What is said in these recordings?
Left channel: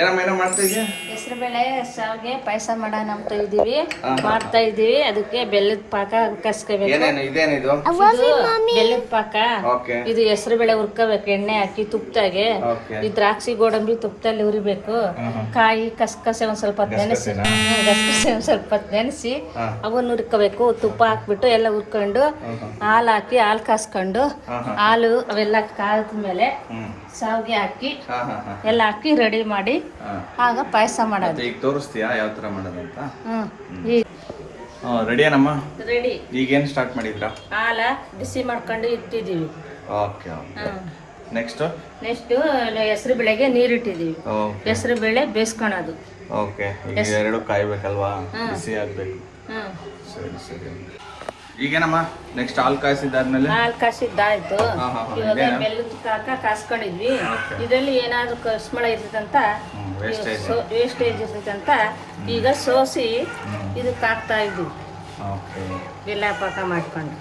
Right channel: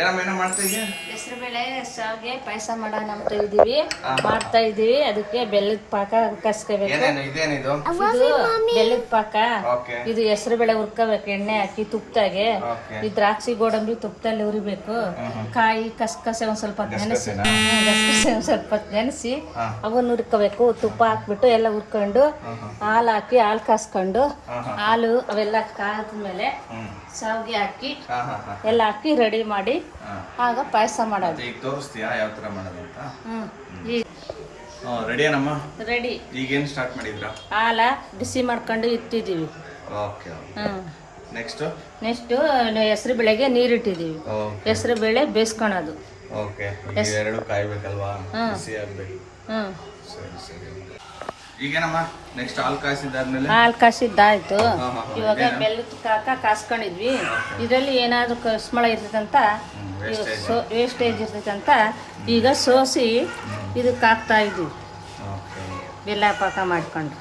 ಏನಮ್ಮ ಮಾಡ್ತಾ ಇದೀಯ? ಹೆಸರು ಬೇಳೆ ಶಾವಿಗೆ ಪಾಯಸ ಮಾಡೋಣ ಅಂತ ಇದೀವಿ. ಮಾಡ್ತಾ ಇದೀವಿ. ಅದಕ್ಕೆ ಬೆಲ್ಲದ ಪಾಕ ಕಸ್ಕೋಬೇಕು. ಏನೇನು ಇದೇನಿದು? ಬೆಲ್ಲದ ಪಾಕ. ಓಕೆ. ಇದು ಹೆಸರು ಬೇಳೆ ಹುರ್ಕೋಬೇಕು, ಎಣ್ಣೆ ಹಾಕಿ ತುಪ್ಪದಾಗೆ. ಈ ದ್ರಾಕ್ಷಿ ಗೋಡಂಬಿ ತುಪ್ಪದಲ್ಲಿ ಹುರಿಬೇಕು. ಕಾಯಿ ಕಸಕಸೆ ಒಂದ್ ಸ್ವಲ್ಪ ನೆನೆಸಿ ಅವನ್ನ ಹುರ್ಕೋಬೇಕು. ತುಪ್ಪ ಹಾಕ್ಬಿಟ್ಟು ಎಲ್ಲ ಹುರ್ಕೊಂಡು ಹಾಲು ಹಾಕಿ ಹಾಲು ಕಾಸ್ಕೊಂಡು ಹಾಲು ಎಲ್ಲ ಕಾದ್ಮೇಲೆ ಶಾವಿಗೆ ಹಾಕಿ ಎಲ್ಲ ಹಾಕಿ ರೆಡಿ ಮಾಡಿ ಆಗ ಪಾಯಸ ಮಾಡೋದು. ಈಗ ತೋರಿಸ್ತೀಯಾ ಯಾವ ತರ ಮಾಡೋದಂತ? ರೆಡಿ ಏನಮ್ಮ? ರೆಡಿ. ಈಗೇನು ಸ್ಟಾರ್ಟ್ ಮಾಡಿದ್ರಾ? ಹಾಲ ಬಿಸಿ ಮಾಡ್ಕೊಂಡು ಇಟ್ಟಿದೀವಿ. ಓಕೆ. ನೆಕ್ಸ್ಟ್ ಹೆಸರು ಬೇಳೆಗೆ ನೀರಿಟ್ಟಿದೀವಿ. ಹೆಸರು ಬೇಳೆ ಬೇಯಿಸ್ಕೊಳೋದು. ಓಕೆ. ಈಗ ಎರಡು ಕಾಯ್ಬೇಕಲ್ವಾ? ಬಿಸಿ ಆಗ್ಬೇಕು. ಸರಿ ಸರಿ. ಈಗೇನಮ್ಮ ನೆಕ್ಸ್ಟ್ ಹಾಲು ಕಾಯಿಸಿದಾದ್ಮೇಲೆ? ಹಾಲು ಕಾಯಿಸಿದ್ದಾಯ್ತು. ಇವಾಗ ಬೆಲ್ಲದ ಪಾಕ ಕಾಸ್ಕೊಂಡಿದ್ವಿ. ಇದರಲ್ಲಿ ಏನಾದ್ರು ಕಸ್ಮಳ ಇರ್ತದಂತ ವೇಸ್ಟೇಜ್ ಇರ್ತದಂತ ಈಗ ಸೋಸಿ ಇದಕ್ಕೆ ಹಾಕ್ತಾ ಇದ್ವಿ. ಬೆಲ್ಲ ಪಾಕ ಮಾಡ್ಕೊಂಡು.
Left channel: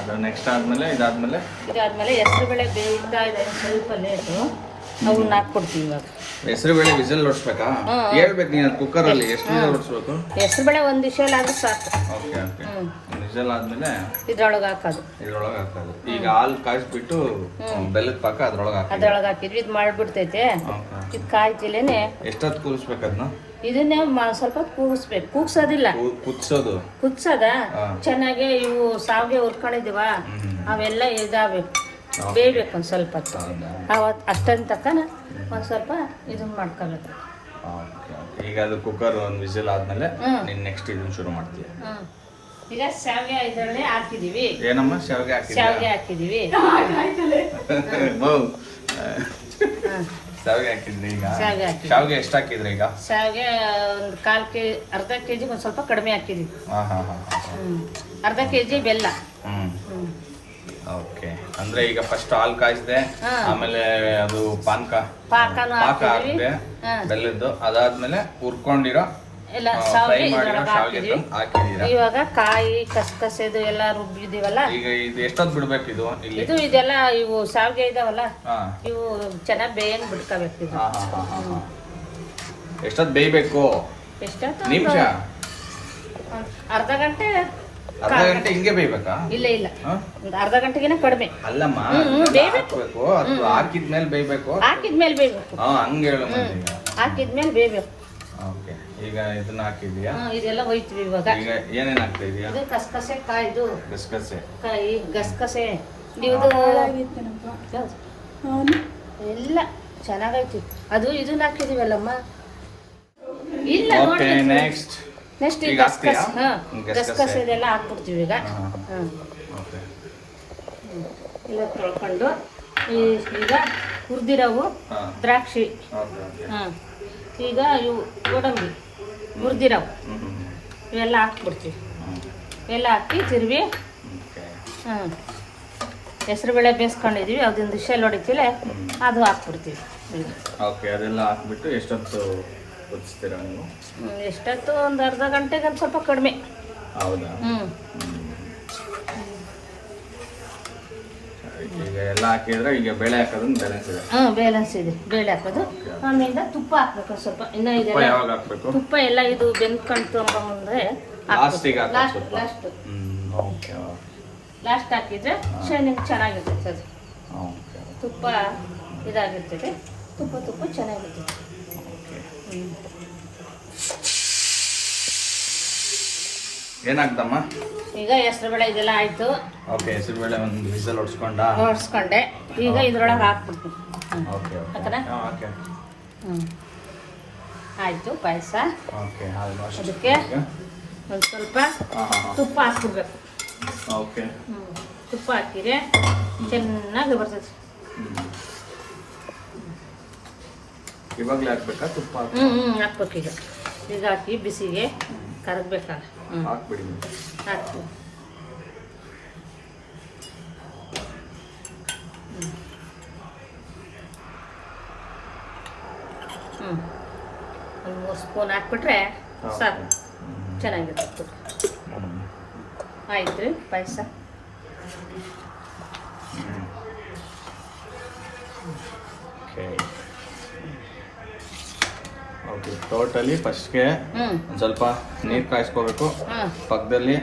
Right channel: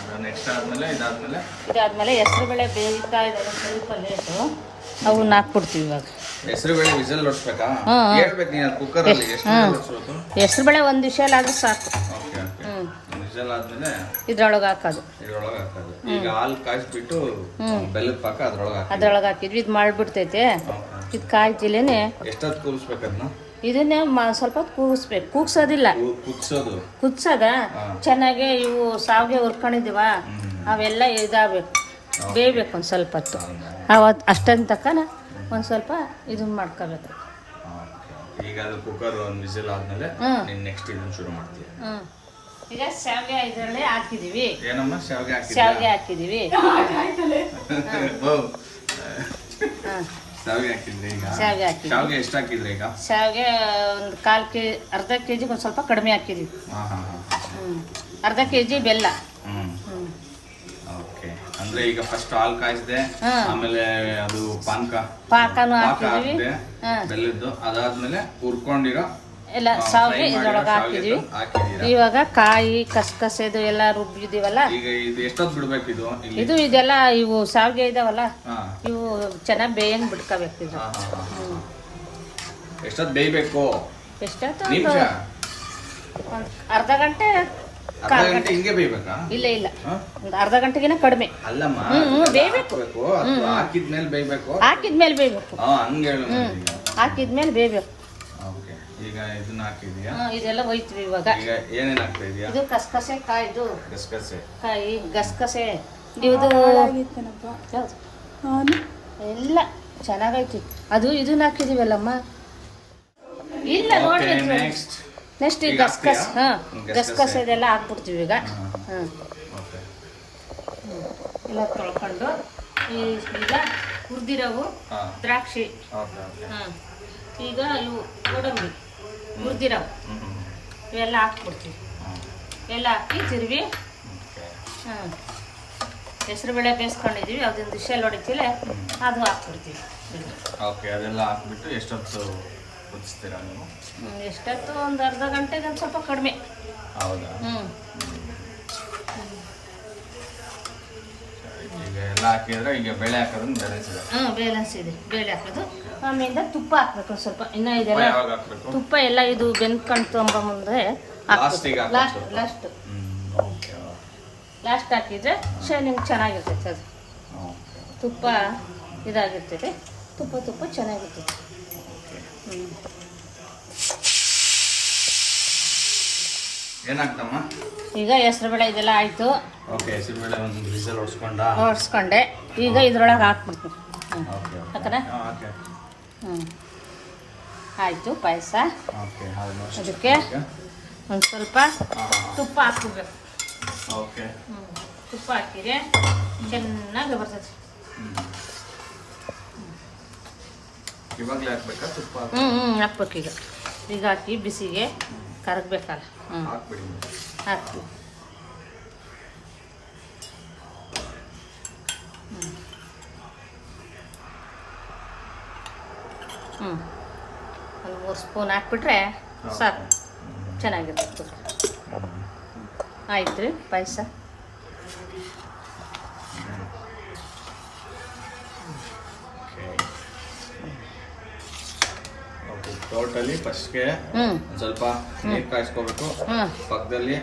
ಅದು ನೆಕ್ಸ್ಟ್ ಆದ್ಮೇಲೆ ಇದಾದ್ಮೇಲೆ ಹೆಸರು ಬೇಳೆ ಬೇಯ್ತಾ ಇದೆ ಸ್ವಲ್ಪ ಲೇಟು. ಅವನ್ನ ಹಾಕ್ಬಿಡ್ತೀವಿ ಇವಾಗ. ಹೆಸರು ಬೇಳೆ ವಿಸಿಲ್ ಹೊಡ್ಸ್ಬೇಕಾ? ಹೇಳ್ಬೇಕು ನೀನು ಕುಕ್ಕರ್ ಅಲ್ಲಿ ಎಷ್ಟು ವಿಸಿಲ್ ಹೊಡ್ಸ್ಬೇಕು? ಹೆಸರು ಬೇಳೆ ಒಂದು ವಿಷಲ್ ಆದ್ರೂ ಸಾಕು. Okay okay. ವಿಸಿಲ್ ಆದ್ಮೇಲೆ ಇದ್ರೊಳಗೆ ಹಾಕೋದು. ಈಗ ಹಾಲು ಕಾಯಿಸ್ಬಿಟ್ಟು ಬೆಲ್ಲದ ಪಾಕ ಅದ್ರೊಳಗೆ ಹಾಕಿದ್ವಿ. ಇದು ಮಾಡ್ಬಿಡ್ತೈತೆ. ಇದು ಕಾಯ್ತಿಲೇನೆ. ಎಷ್ಟೊತ್ತು ಕೂಗಿಸ್ಬೇಕು ಅದನ್ನ? ಇದನ್ನೇ ಸ್ವಲ್ಪ ಕೂಗಿಸ್ಬೇಕು. ಕೂಗ್ಸೋದಿಲ್ಲ, ಕುದಿಸೋದ ಚೆನ್ನಾಗಿ. ಇವು ಸಾವಿಗೆ ಹುರ್ಕೊಂಡಿದೀವ ಅವೆಲ್ಲ ಇದಾಗಬೇಕು, ಬೇಯಬೇಕು ಒಂದು ಸ್ವಲ್ಪ ಹೊತ್ತು. ಅಷ್ಟೊಂದು ತಕ್ಕನ ಒಂದು ಸ್ವಲ್ಪ ಇದನ್ನ ಮಾಡ್ಕೋಬೇಕು. ಈಗ ಅದು ಕುಕ್ಕರ್ ಒಂದು ವಿಸಿಲ್ ಆದ್ಮೇಲೆ ನೆಕ್ಸ್ಟ್ ಇದನ್ನ ಶುರು ಮಾಡ್ತೀವಿ. ಈಗ ಶಾವಿಗೆ ಇದರಲ್ಲೇ ಹಾಕಿದೀವಿ. ಏನಮ್ಮ ಶಾವಿಗೆ ಹಾಕಿದೀವಿ. ಶಾವಿಗೆ ಹಾಕಿದ್ರಿ. ಈಗ ಶಾವಿಗೆ ಎಷ್ಟು ಹಾಕಿದ್ರಿ? ಈಗ ಶಾವಿಗೆ ಒಂದು ಅರ್ಧ ಕೆಜಿ ಒಂದು ಸ್ವಲ್ಪ ಕಡಿಮೆ ಹಾಕಿದ್ವಿ. ಅರ್ಧ ಕೆಜಿ ಬೆಲ್ಲ. ಓಕೆ. ಅಂದ್ರೆ ಈಗ ಫಸ್ಟ್ ಹಾಲು ಕಾಯಿಸಿದೆ, ಆಮೇಲೆ ಅದು ಪಾಕನು ಹಾಕಿದ್ವಿ ಬೆಲ್ಲದ್ದು. ಅದಾದ್ಮೇಲೆ ಹುರ್ಕೊಂಡಿರೋ ಎಲ್ಲ ಹಾಕಿದ್ವಿ. ಇವಾಗ ಕಾಯಿ ಕಸಕಸೆದು ಎಲ್ಲ ರುಬ್ಬಿದೀವಲ್ಲ. ಈಗ ಇದು ಎಷ್ಟೊತ್ತು ಬಿಡ್ಬೇಕು? ಇದೆಲ್ಲ ಇವು ಶಾವಿಗೆ ಇದಾವಲ್ಲ, ಇವು ಚೆನ್ನಾಗಿ ಬೇಯಂಗ್ ಬಿಡ್ಕೋಬೇಕು. ಇದು ಎಷ್ಟೊತ್ತು ಬೇಯಬೇಕು? ಎಷ್ಟೊತ್ತು? ಅರ್ಧ ಗಂಟೆ ಹಿಂಗೆ ಬೇಯಬೇಕಾ? ಇಲ್ಲ ಒಂದು ಅರ್ಧ ಗಂಟೆಗಿನ ಕಡಿಮೆ. ಅಲ್ಲಮ್ಮ, ಬೇಯಬೇಕು. ಹಾಕಿದ್ಮೇಲೆ ಬೇಯಬೇಕು. ಹಾಕಿದ್ಮೇಲೆ ಬೇಯಬೇಕು. ಹಾಕಿದ್ಮೇಲೆ ಬೇಯಬೇಕು. ಈಗ ಇದನ್ನ ಹಾಕಿದ್ಯಾ? ಇದೆಲ್ಲ ಹೋಯ್ತೀವಿ. ಇವಾಗ ಏನೇನ್ ಹಾಕ್ತಾ ಇದೀಯಾ? ಇದು ಕಸಕಸೆ ಕಾಯ್ದು ಕಾಯಿ ಗಸಗಸೆ ಇದು ಎಲ್ಲ ಚೆನ್ನಾಗೈತಿ. ಅದು ಇದನ್ನ ಹಾಕಿದೀವಲ್ಲಮ್ಮ. ಇಲ್ಲ ನೆಕ್ಸ್ಟ್ ಈ ಗಸಗಸೆ ಇದೆಲ್ಲ ಹಾಕ್ಬಿಡ್ತೀವಿ. ಈಗ ಎಲ್ಲ ತೊಳ್ಕೊಂಡು ಈಗ ಹುರಿದಿರೋವು ದ್ರಾಕ್ಷಿ, ಈಗ ಇವು ಗೋಡಂಬಿ ಹುರಿದಿರೋವು ಇವೆಲ್ಲ ಹಾಕ್ಬಿಡ್ತೀವಿ. ಎಲ್ಲ ಹಾಕಿ ತಿರುವಿ ಹೆಸರು ಬೇಳೆ ಬೇಯಿಸ್ಕೊಂಡಿದೀವಿ. ಅದೊಂದು ವಿಷಲ್ ಹೊಡಿತೀವಿ, ಅದು ಹಾಕ್ಬಿಡ್ತೀವಿ. ಓಕೆ. ಅದೆಲ್ಲ ಹಾಕ್ಬಿಟ್ಟು ಎಷ್ಟೊತ್ತು ಕುದಿಸ್ತೀರಾ ನೀವು? ಎಷ್ಟೊತ್ತು? ಒಂದು ಅರ್ಧ ಗಂಟೆಗೆ ಒಂದು ಸ್ವಲ್ಪ ಕಡಿಮೆ. ಹೌದಾ? ಈಗ ಎಲ್ಲ ಹಾಕಿದ್ರೆ ಈಗ ಬೇಳೆ ಹಾಕೋದನ್ನ ಬ್ಯಾಲೆನ್ಸ್ ಇದೆ. ಬ್ಯಾಲೆನ್ಸ್ ಇದೆ. ಬೇಳೆ ಹಾಕೋದು, ಆಮೇಲೆ ತುಪ್ಪ ಹಾಕ್ಬೇಕು ಸ್ವಲ್ಪ. ಇನ್ನ ಇದೆಲ್ಲ ಯಾವಾಗ ಹಾಕ್ಬೇಕು? ತುಪ್ಪ ಎಲ್ಲ ಇದು ಬೆಂದ್ಕೊಂಡು ಮುಂದೆ ಲಾಸ್ಟ್ ಹಾಕಿದ್ರೆ ಶೈನಿಂಗ್ ಚೆನ್ನಾಗಿರ್ತೈತೆ. ಅದು ತುಪ್ಪ ಇದಾಗಿರ್ತೈತೆ. ತುಪ್ಪ ಚೆನ್ನಾಗಿರ್ತೈತೆ. ಏನಾಗ್ತಮ್ಮ? ಈಗ ಹೆಸರು ಬೇಳೆ ಇದೆಲ್ಲ ಆಯ್ತು. ಓಕೆ. ಹೆಸರು ಬೇಳೆ ಒಂದು ವಿಸಿಲ್ ಹೊಡ್ಸ್ಕೊಂಡೆ. ಈಗ ಇದ್ರೊಳಗೆ ಹಾಕ್ಬಿಡ್ತೀನಿ. ಹಾಕನ? ಆಯ್ತು ಪಾಯಸ. ಅದಕ್ಕೆ ಒಂದು ಸ್ವಲ್ಪ ತುಪ್ಪ ಹಾಕ್ಬಿಡ್ಬೇಕು. ತುಪ್ಪ ಹಾಕಿದ್ರೆ ಚೆನ್ನಾಗಿ ಬರ್ತದೆ. ಇವಾಗಲೇ ಹಾಕ್ಬೇಕಾ ತುಪ್ಪ? ಹಾಕ್ಬೇಕು. ಈಗ ಹಾಕಿ ಬಿಸಿಗೆ ಕರಗಬೇಕಲ್ಲ. ಹಾಕ್ಬಿಡಿ. ಹಾಕ್ತೀವಿ. ಒಂದು 3 ಸ್ಪೂನ್ ಹಾಕ್ಬಿಟ್ರೆ ಸಾಕು, ಚೆನ್ನಾಗಿರುತ್ತೆ. ಆಯ್ತು ಪಾಯಸ. ಟೋಟಲಿ ಫಸ್ಟ್ಗೆ ಹ್ಞೂ ಒಂದ್ ಸ್ವಲ್ಪ ನೀರ್ ಕಾಯಿಸ್ಕೋಬೇಕು. ಹ್ಞೂ ಪಕ್ಕದಲ್ಲಿ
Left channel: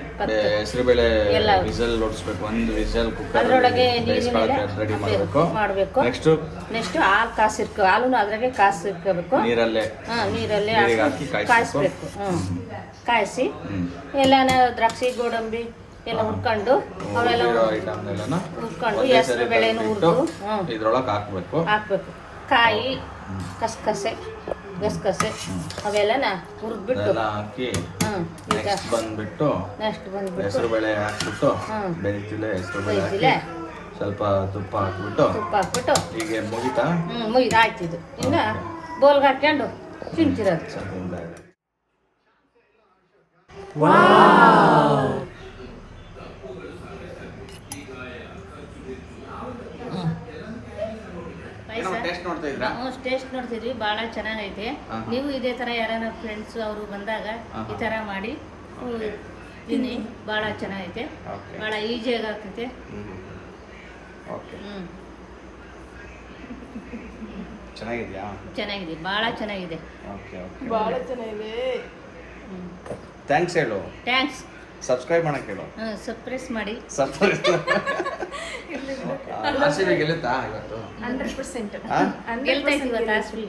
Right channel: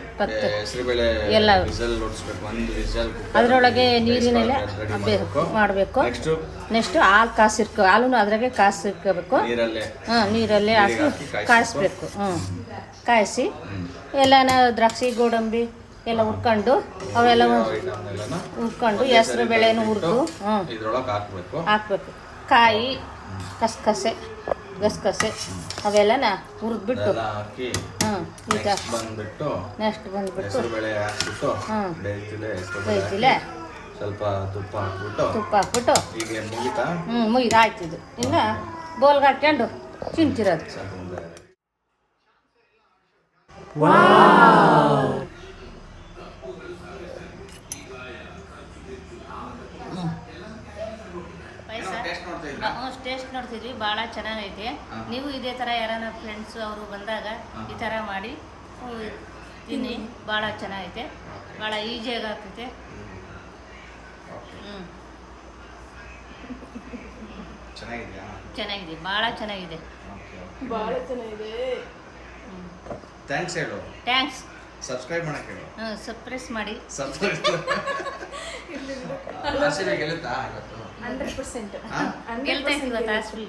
ಹೆಸರುಬೇಳೆ ಎಲ್ಲ ವಿಸಲ್ ಹೊಡಿಸ್ಬೇಕು. ಒಂದು ವಿಸಲ್ ಅದರೊಳಗೆ ನೀರಿನೆಲ್ಲ ರೆಡಿ ಮಾಡಬೇಕು. ಮಾಡಬೇಕು. ನೆಕ್ಸ್ಟ್ ಹಾಲು ಕಾಸಿರ್ಕೊ ಹಾಲು ಅದ್ರಾಗೆ ಕಾಸಿರ್ಕೋಬೇಕು. ನೀರಲ್ಲೇ ನೀರಲ್ಲಿ ಹಾಕಿ ಕಾಯಿಸ್ಬೇಕು. ಕಾಯಿಸಿ ಎಲ್ಲ ದ್ರಾಕ್ಷಿ ಗೋಡಂಬಿ ಎಲ್ಲ ಹುರ್ಕೊಂಡು ಅವೆಲ್ಲ ಹುರ್ಕೊಂಡು ಹೆಸರು ಬೇಳೆನೂ ಹುರಿದು ಇದ್ರೊಳಗೆ ಹಾಕ್ಬೇಕು. ಕಾಯಿ ಗಸಗಸೆ ಅವೆಲ್ಲನ ಹುರಿದ್ಬಿಟ್ಟು ಹಾಕಿ ಬಂದ್ಬಿಟ್ಟು ನೆಕ್ಸ್ಟ್ ಬಂದ್ಬಿಟ್ಟು ಹೆಸರು ಬೇಳೆ ಹಾಕ್ಬಿಟ್ಟು ಬೇಯ್ತಿಲೆ ಸ್ವಲ್ಪ ತುಪ್ಪ ಹಾಕ್ಬಿಟ್ಟು ಹೀಗೆ ಮುಗಿತಾ ಮುಗಿದಾಯ್ತು. ಇದು ಈಗ ಬೋಲ್ಗೆ ಹಾಕ್ಕೊಂಡು ತಿಂತಿರೋದು. ಟೇಸ್ಟ್ ನೋಡ್ತಿದ್ವಿ, ಭಾಳ ಚೆನ್ನಾಗೈತೆ. ನೀವು ಇದೇ ಥರ ಯಾರನ್ನ ಫ್ರೆಂಡ್ಸ್ ಅವರು ಬಂದಾಗ ಈ ಥರ ಮಾಡಿ ತಿನ್ನಿ, ಭಾಳ ಚೆನ್ನಾಗೈತೆ. ಭಾಳ ಈಸಿಯಾಗಿ ಆಗ್ತೈತೆ. ಚೆನ್ನಾಗಿದೆ, ಭಾಳ ಚೆನ್ನಾಗಿದೆ. ಥ್ಯಾಂಕ್ಸ್ ಹೇಳು. ಥ್ಯಾಂಕ್ಸ್. ಸಬ್ಸ್ಕ್ರೈಬ್ ಮಾಡಕ್ಕೆ ಹೇಳು. ಸಬ್ಸ್ಕ್ರೈಬ್ ಮಾಡಿ. ಆರ್ ಸಿ ಬಿ ಗೆಲ್ಲುತ್ತಾ ಇವತ್ತು? ಗೆಲ್ತಾ ಇದ್ದೀವಿ ಇವತ್ತು ಆರ್ ಸಿ ಬಿ.